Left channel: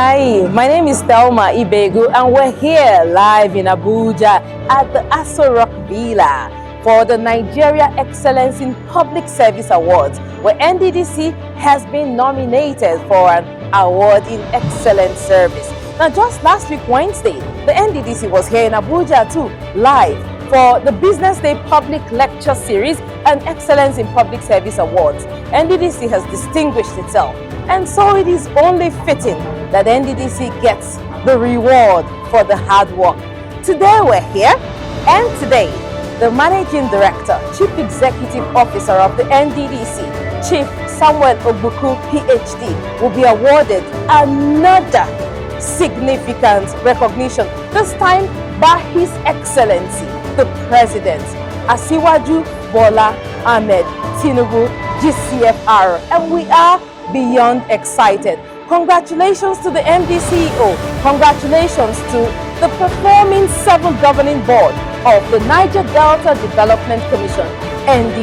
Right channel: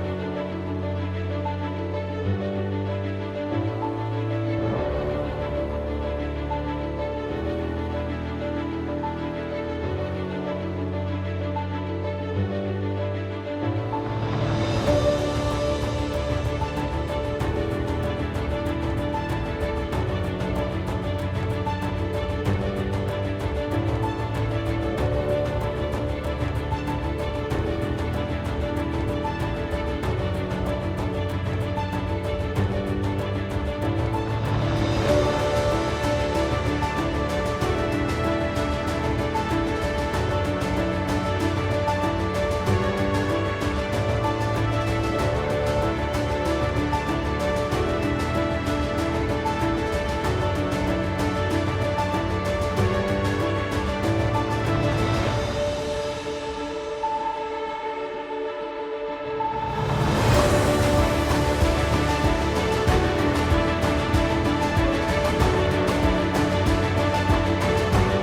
Hi, my name is Thelma Ibegu and we're here live in Abuja at the Aso Rock Villa for the Nigeria Excellence in Public Service Awards, where NDDC has been nominated for an award in excellent service. Now, just last week, Wednesday, the NDDC was here in Abuja too, live for the Business Day Public Lecture Series and Excellence in Public Service Awards. NDDC has distinguished itself, and so it is only fitting that NDDC gets the reward for the hard work. Today we're here, and today the Managing Director, Chief Executive Officer of the NDDC, Chief Samuel Ogbuku, PhD, will be awarded another significant recognition, this time by His Excellency, the President, Asiwaju Bola Ahmed Tinubu, GCFR, and we are beyond excited. Congratulations to the MDCEO. Congratulations to the performing 7th Governing Board of the Niger Delta Development Commission, NDDC.